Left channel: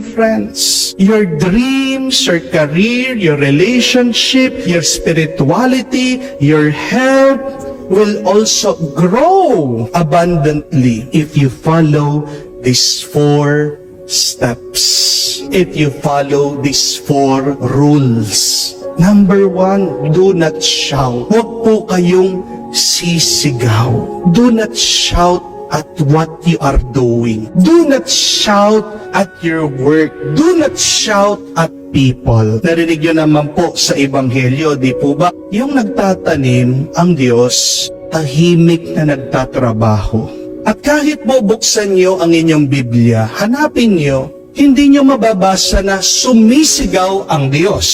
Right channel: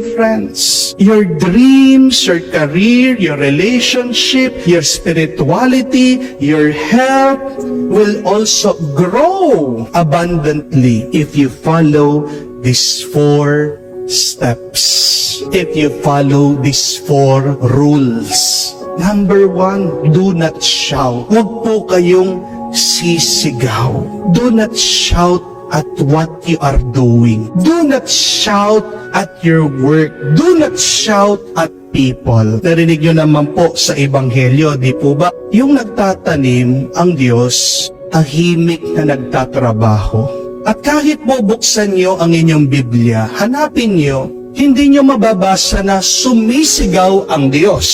friends. Your dreams, your career, your relationship, your spirituality, your health will also grow abundantly if you follow these 4 steps. If you follow these 4 rules. Number 1, do not shout. Huwag po kayong sisigaw. Do not shout at what you are doing. Do not shout at your work. Do not shout at people. Narinig nyo naman po sa Ebanghelyo, di po ba? Yung nagtatanim ang Diyos, tahimik na nagtatrabaho. At kahit bubuksan nyo ang inyong Biblia, hanapin nyo, hindi nyo mababasa na sumisigaw ang Diyos.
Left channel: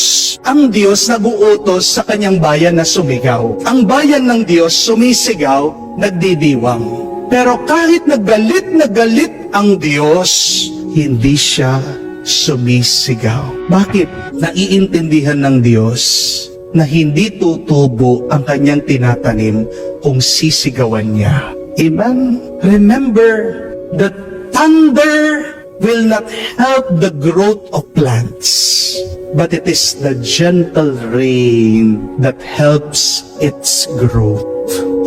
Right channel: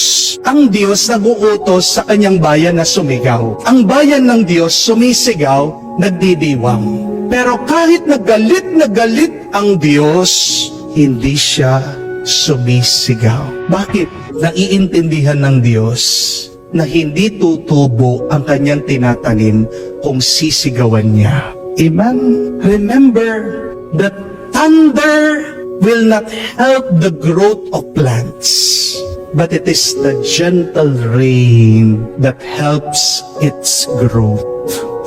Ang Diyos nag-uutos sa kanyang bayan na sumigaw. Ang bayan ng Diyos sumisigaw, nagdidiwang. Pero kahit na galit ang Diyos, hindi siya sumisigaw. Bakit? Naiintindihan ng Diyos na hindi tutubo ang kanyang tinatanim kung sisigawan niya. Amen? Remember that thunder will not help the growth of plants, but it is the gentle rain that helps its growth.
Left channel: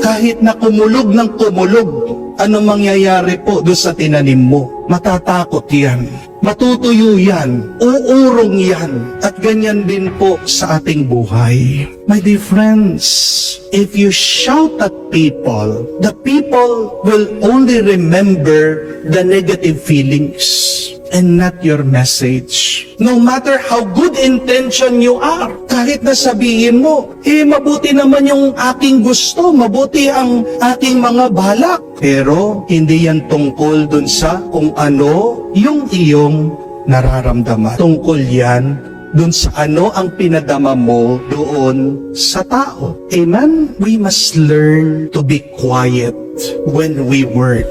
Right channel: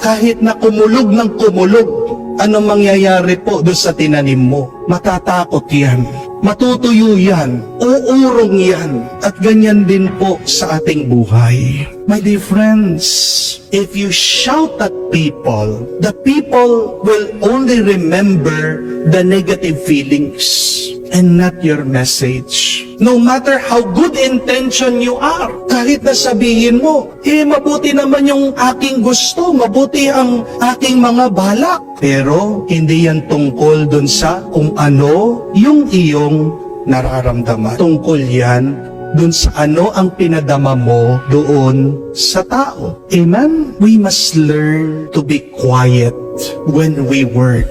Kahit na kumulog ng kumulog, ano mangyayari po doon sa tinanim mo? Matatakot yan. Matutuyo yan. Uurong yan. At ganyan din po sa ating buhay. My dear friends, if you shout at people, the people will only remember the negative feelings and not your message. No matter how good intention you are, kahit na sabihin mo, mabuti naman yung aking gusto, mabuti ang aking mga balak. Pero hindi yan tungkol dun sa kung ano yung iyong nararamdaman. Tungkol yan dun sa ano ang pinadama mo doon sa tao. Amen? We must learn to be quiet when we work.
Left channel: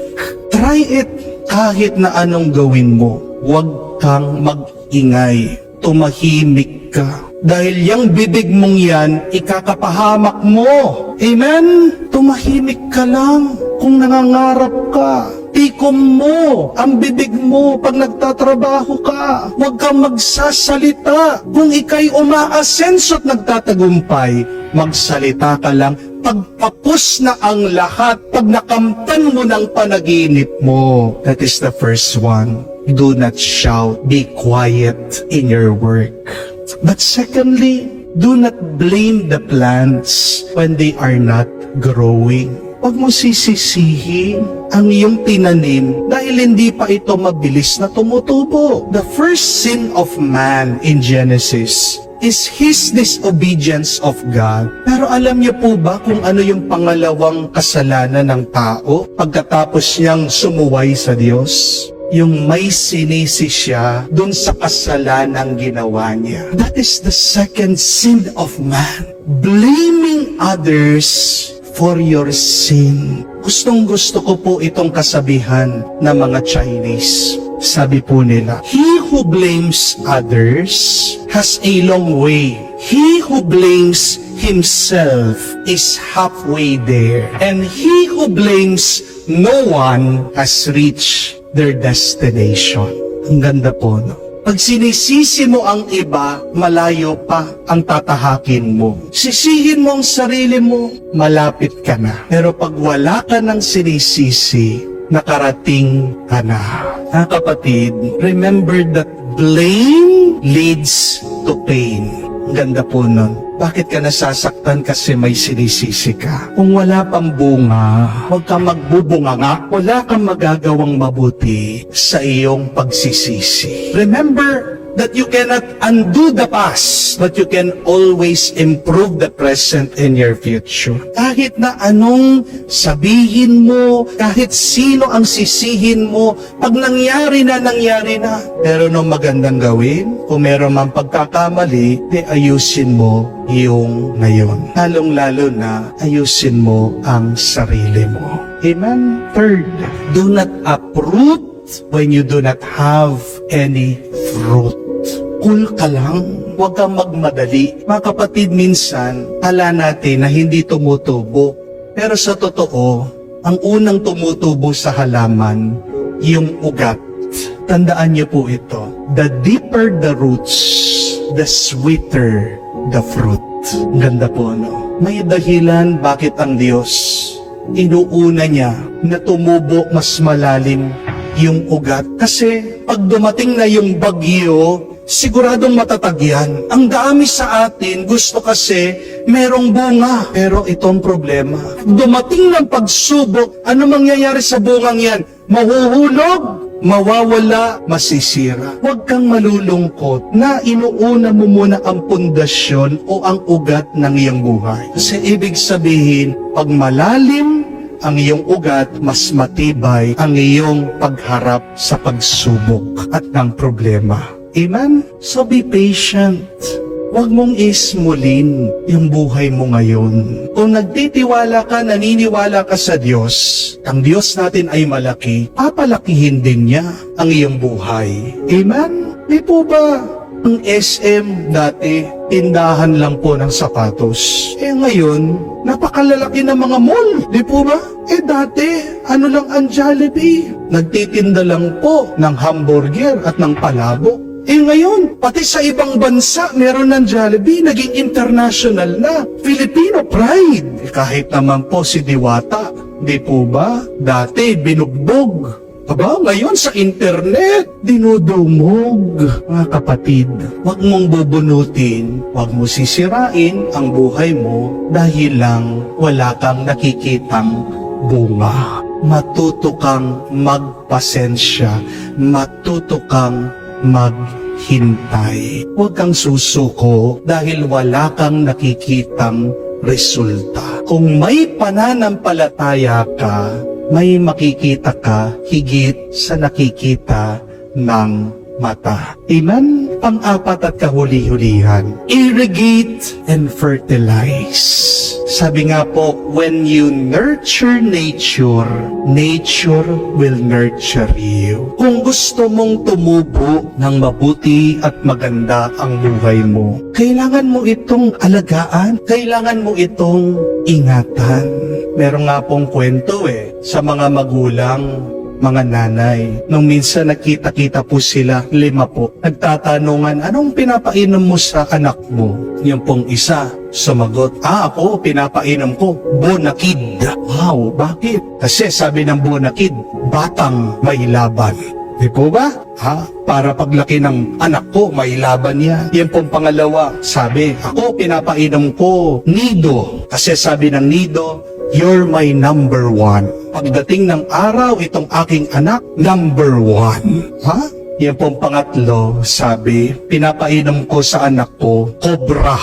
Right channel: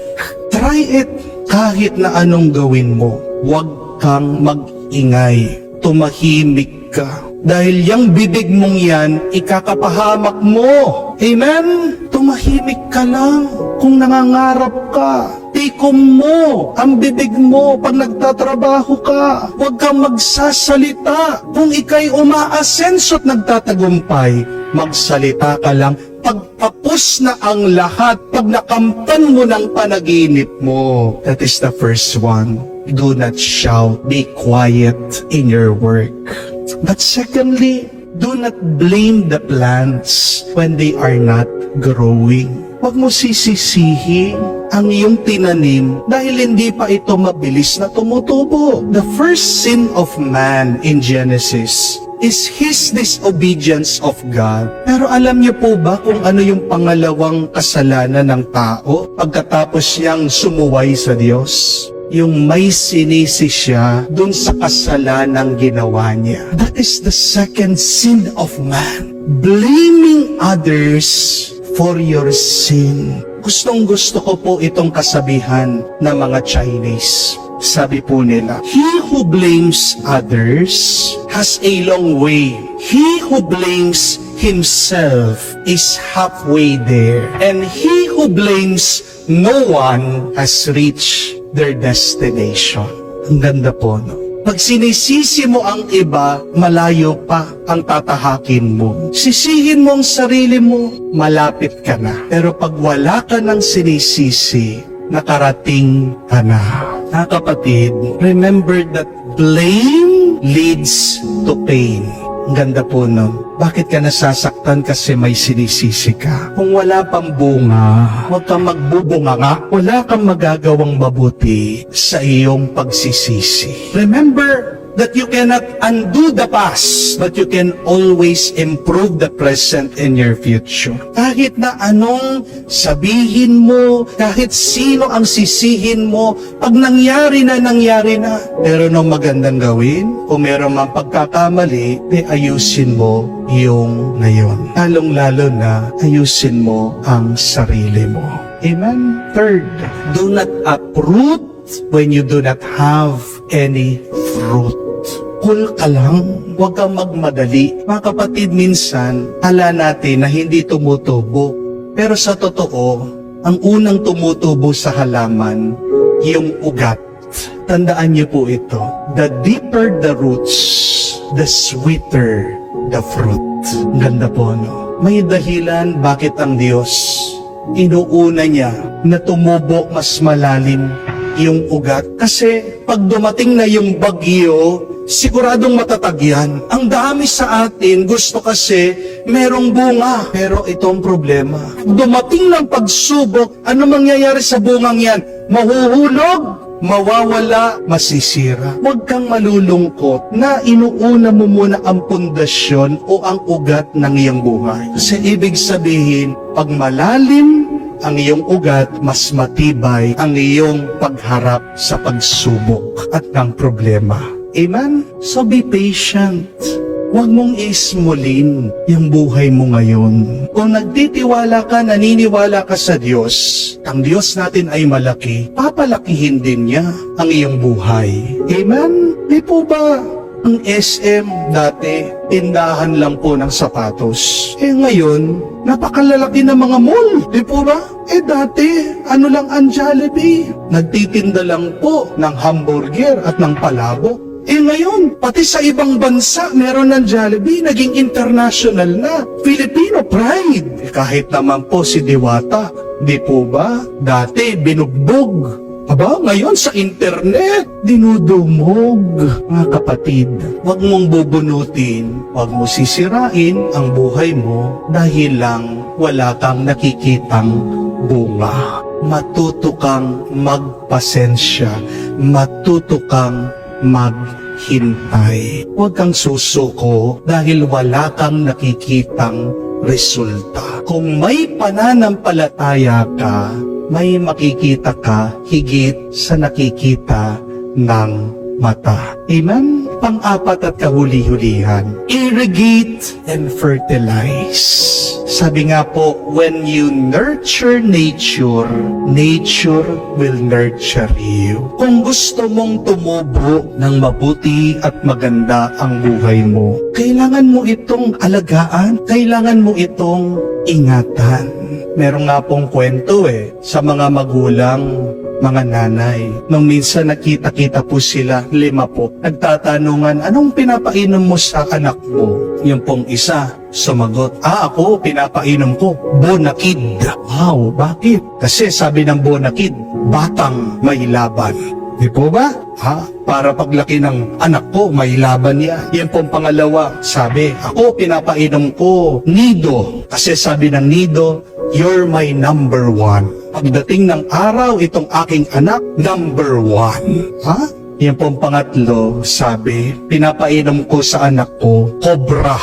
Try it kahit na anong gawin mo. Huwag kang mag-ingay. Tumahimik ka. Dahil yung bibig mong yan, ikakapahamak mo. Amen? Tumahimik ka lang kung nangangarap ka. Tikom mo ang bibig mo pag nagtatrabaho ka. Huwag kang magsasalita. Kung ikay umaasenso at nagtatagumpay, magsalita ka lang. Pagpapos na ang lahat, pag nakamtan mo ng panaginip mo. That is the first one. Do not shout. Be quiet in your work. But secondly, do not blame the plants when they are not growing. Huwag mo sisisihin ang iyong tinanim dahil hindi pa ito mabilis na tumutubo. The first sin of man in Genesis is his disobedience of God. Pero alam niyo po ba kung ano yung pangalawang kasalanan ng tao pagkatapos niyang sumuway sa Diyos? Yung may sinisi siya dun sa kasalanang ginawa niya. That is the second sin of man. Blaming others for your sin. Gustong-gusto ko po itong kasabihan ng mga Chinese. Sabi po nila, he who blames others has a long way. He who blames himself is halfway there. And he who blames no one has reached their destination. Ang ganda po, no? Pag sinisisi mo ang iba, malayo pa ang tatahakin mo. Sisihin mo ang sarili mo, malapit ka na. Pero pag wala ka ng sinisisi, nakarating ka na. Mga kapatid, remember that blame leads to pain. Ang ganda po nun. Bakit ka nasasaktan? Kasi may sinisisi ka. Kung wala pang bunga, huwag kang magbubunganga. Wala kang magagawang mabuti sa iyong pagsisisi. Remember that you cannot undo the past, but you can always improve the present and your future. Kahit na anong sabihin mo, kahit sino ang sisihin mo, pag nangyari na. Pero nung magandang gawin, kung meron man pagkakamali, ayusin mo yung ngayon. Lalong-lalo na ayusin mo ang sarili mo. Amen? Third, do not uproot when you do not have any fruit. Cool ka lang, huwag kang magmadali. Mga kapatid, minsan, ala natin na hindi tumutubo. Pero sa totoo, ang unang tumutubo sa halaman, yung ugat. Tandaan niyo po ito. The deeper the roots, the sweeter the fruit. Ganda po, ano? May dahilan bakit ang Diyos inuuna niya na tumubo mas malalim yung ugat. Kasi pag dumating na yung bagyo, siguradong matatag yan. Ang dami sa atin, gusto kasi merong bunga. Pero itong problema, dumating ng pagsubok, ano mangyayari sa bungang yan? Mahuhulog, mawawala, masisira. Huwag kang malulungkot na inuuna mo muna ang pundasyon o ang ugat ng iyong buhay. Kasi ibig sabihin, pag malalim ang iyong ugat, mas matibay ang iyong pagharap sa pagsubok at ng problema. Amen? So be patient. Huwag mong ismulin yung buhay mo ngayon. Kung nagtitiwala ka, naniniwala ka sa Diyos, ang Diyos natin ay malaki, papalakihin din niya ang iyong buhay. Amen? Di po ba ang SM dati, tindahan lang po ng sapatos? Ngayon, napakalalaki ng mga mall. Di po ba? Dati, ano lang ang Jollibee? Nagtitinda lang po ng hamburger at ng palabok. Ngayon, pati sa ibang bansa, meron ng Jollibee, naging international na. Filipino pride. Kahit naman po si Diwata, di po ba? Dati, binugbog. Aba, ngayon sa internet, dinudumog. Mga kapatid, huwag mong bubunutin, huwag mo sisirain ang buhay mo dahil lang wala kang nakikitang bunga. Matuto kang magpasensya, matuto kang maghintay. Huwag kang susuko dahil wala kang nakikitang resulta. Kung may pananampalataya ka, may makikita ka higit sa nakikita ng mata. Amen? Pang-apat at kahuli-hulihan, irrigate and fertilize. Sabi nga po, when you nurture nature, nature will nurture you. Kung gusto mong tumubo ng mabuti at maganda ang buhay mo, kailangan mo itong alagaan, kailangan mo itong ingatan. Meron nga pong kwento sa mga magulang, mga nanay. Nung minsan nakita-kita po sila, 5 po, nagtatanungan, anong pinapainom mo sa anak mo? Yung pong isa, sumagot, ako, pinapainom ko, Bonakid. Wow, bakit? Kasi sabi ng Bonakid, batang may laban. Di po ba? Para paglaki ng anak ko, may laban yan. Yung pong pangalawa, sabi, ako, pinapainom ko, Nido. Kasi sabi ng Nido, you're my number 1. Pagdating ng araw, itong aking anak, number 1. Yung pong pangatlo, sabi, pinapainom ko sa anak ko, Cobra.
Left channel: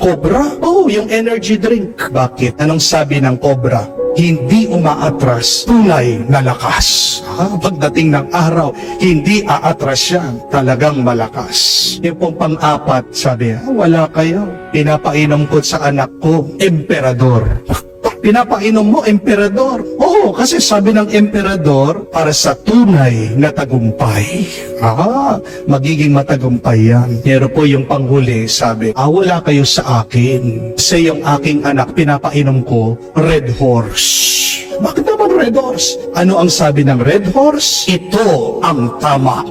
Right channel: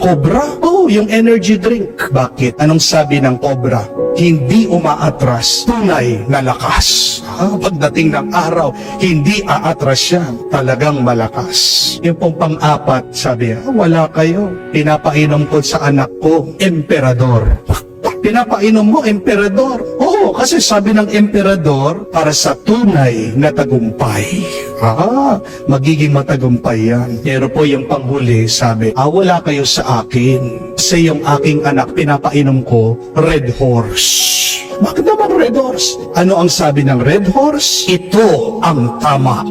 Cobra? Yung energy drink. Bakit? Anong sabi ng Cobra? Hindi umaatras, tunay na lakas. Pagdating ng araw, hindi aatras yan, talagang malakas. Yung pong pang-apat, sabi, wala kayo. Pinapainom ko sa anak ko, Emperador. Pinapainom mo, Emperador. Oo, kasi sabi ng Emperador, para sa tunay na tagumpay. Magiging matagumpay yan. Pero po yung panghuli, sabi, wala kayo sa akin. Kasi yung aking anak, pinapainom ko, Red Horse. Bakit naman Red Horse? Ano ang sabi ng Red Horse? Ito ang tama.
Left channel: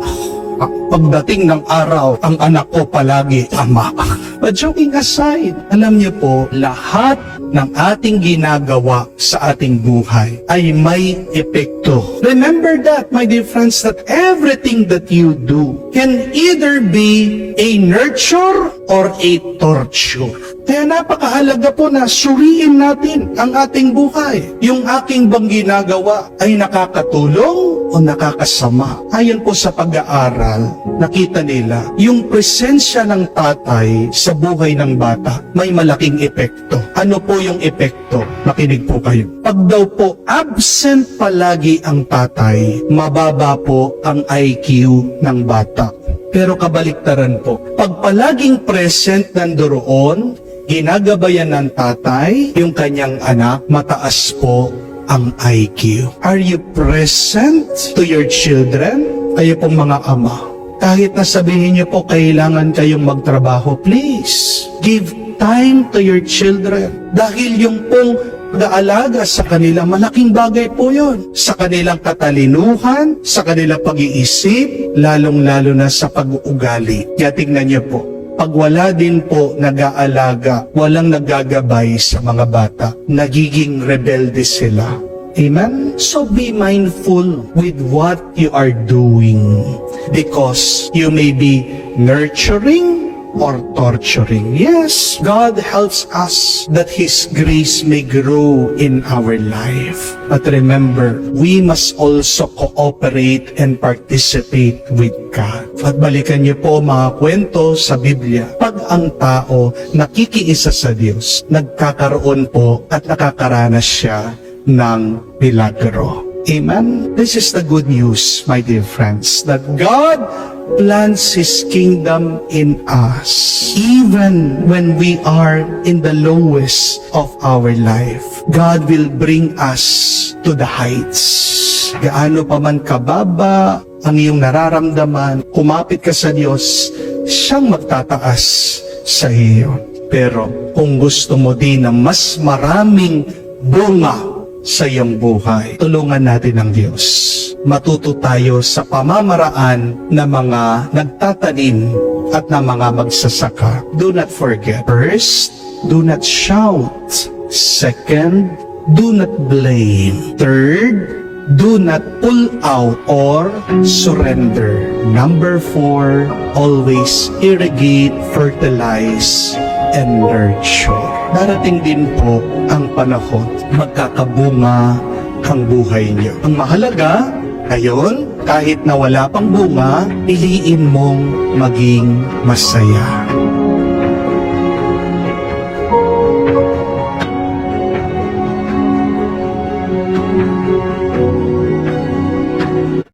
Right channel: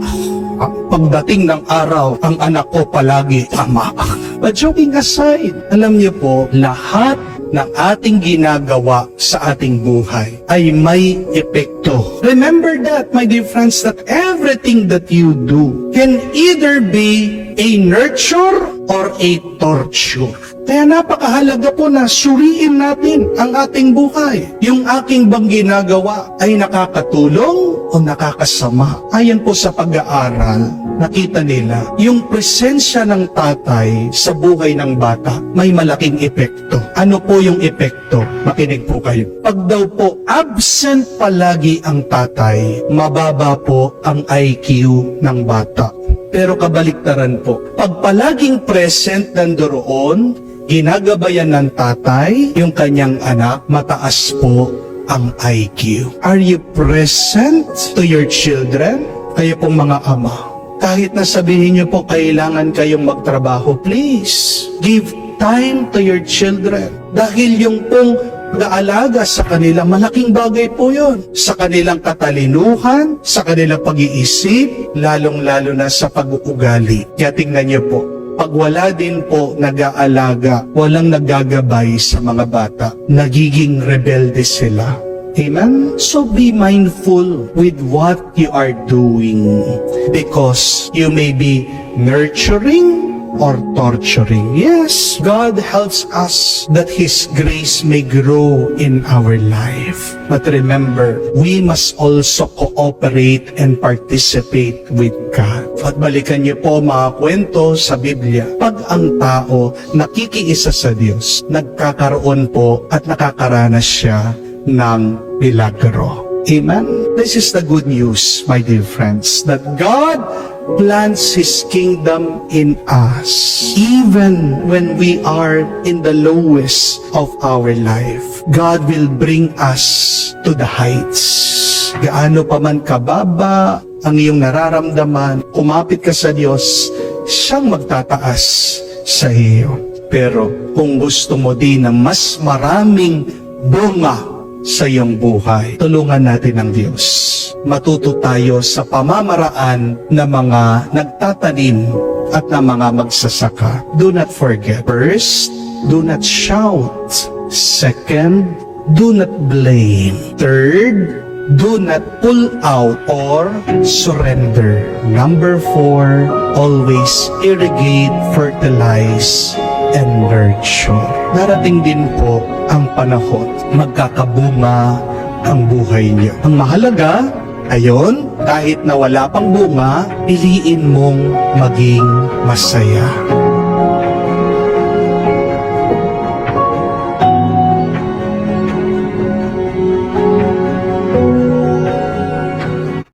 Pagdating ng araw, ang anak ko palagi tama. But joking aside, alam niyo po, lahat ng ating ginagawa sa ating buhay ay may epekto. Remember that, my dear friends, that everything that you do can either be a nurture or a torture. Kaya napakahalaga po na suriin natin ang ating buhay. Yung aking bang ginagawa ay nakakatulong o nakakasama? Ayon po sa pag-aaral, nakita nila, yung presensya ng tatay sa buhay ng bata may malaking epekto. Ano po yung epekto? Makinig po kayo. Pag daw po absent palagi ang tatay, mababa po ang IQ ng bata. Pero kabaliktaran po, pag palaging present nandoon, ginagabayan ng tatay, yung kanyang anak, mataas po ang IQ. Are you present to your children? Kayo pong mga ama. Kahit na sabihin niyo po kailangan kayong magtrabaho, please, give time to your children. Dahil yung pong pag-aalaga sa kanila, malaking bagay po yon. Sa kanilang katalinuhan, sa kanilang pag-iisip, lalong-lalo na sa pag-uugali. Kaya tingnan niyo po, pag wala din po nag-aalaga, walang naggagabay sa mga bata, nagiging rebelde sila. Amen? So be mindful with what you are doing because you may be nurturing or torturing. Yes, God helps us that His grace may grow in our life. But remember, we must also cooperate and participate with God. At balikan niyo po mga kwento sa Biblia. Pag ang tao nakikiisa sa Diyos, nagkakaroon po at nakakaranas siya ng milagro. Amen? This is the good news, my dear friends, that God plants His kingdom in us. Even when we are in the lowest of our life, God will bring us to the heights. Gaano pa man kababa ang iyong nararamdaman, kumapit ka sa Diyos, siyang magtataas sa iyo. Pero kung gusto mo din ng mas maraming bunga sa iyong buhay, tulungan natin ang Diyos. Matuto tayo sa pamamaraan ng mga nagtatanim at ng mga magsasaka. Do not forget. First, do not shout. Second, do not blame. Third, do not pull out or surrender. Number 4, always irrigate, fertilize, and nurture. Darating din po ang panahon, magkakabunga ang buhay niyo. Ang mahalaga, ayon, kahit na wala pang bunga, piliin mong maging masaya.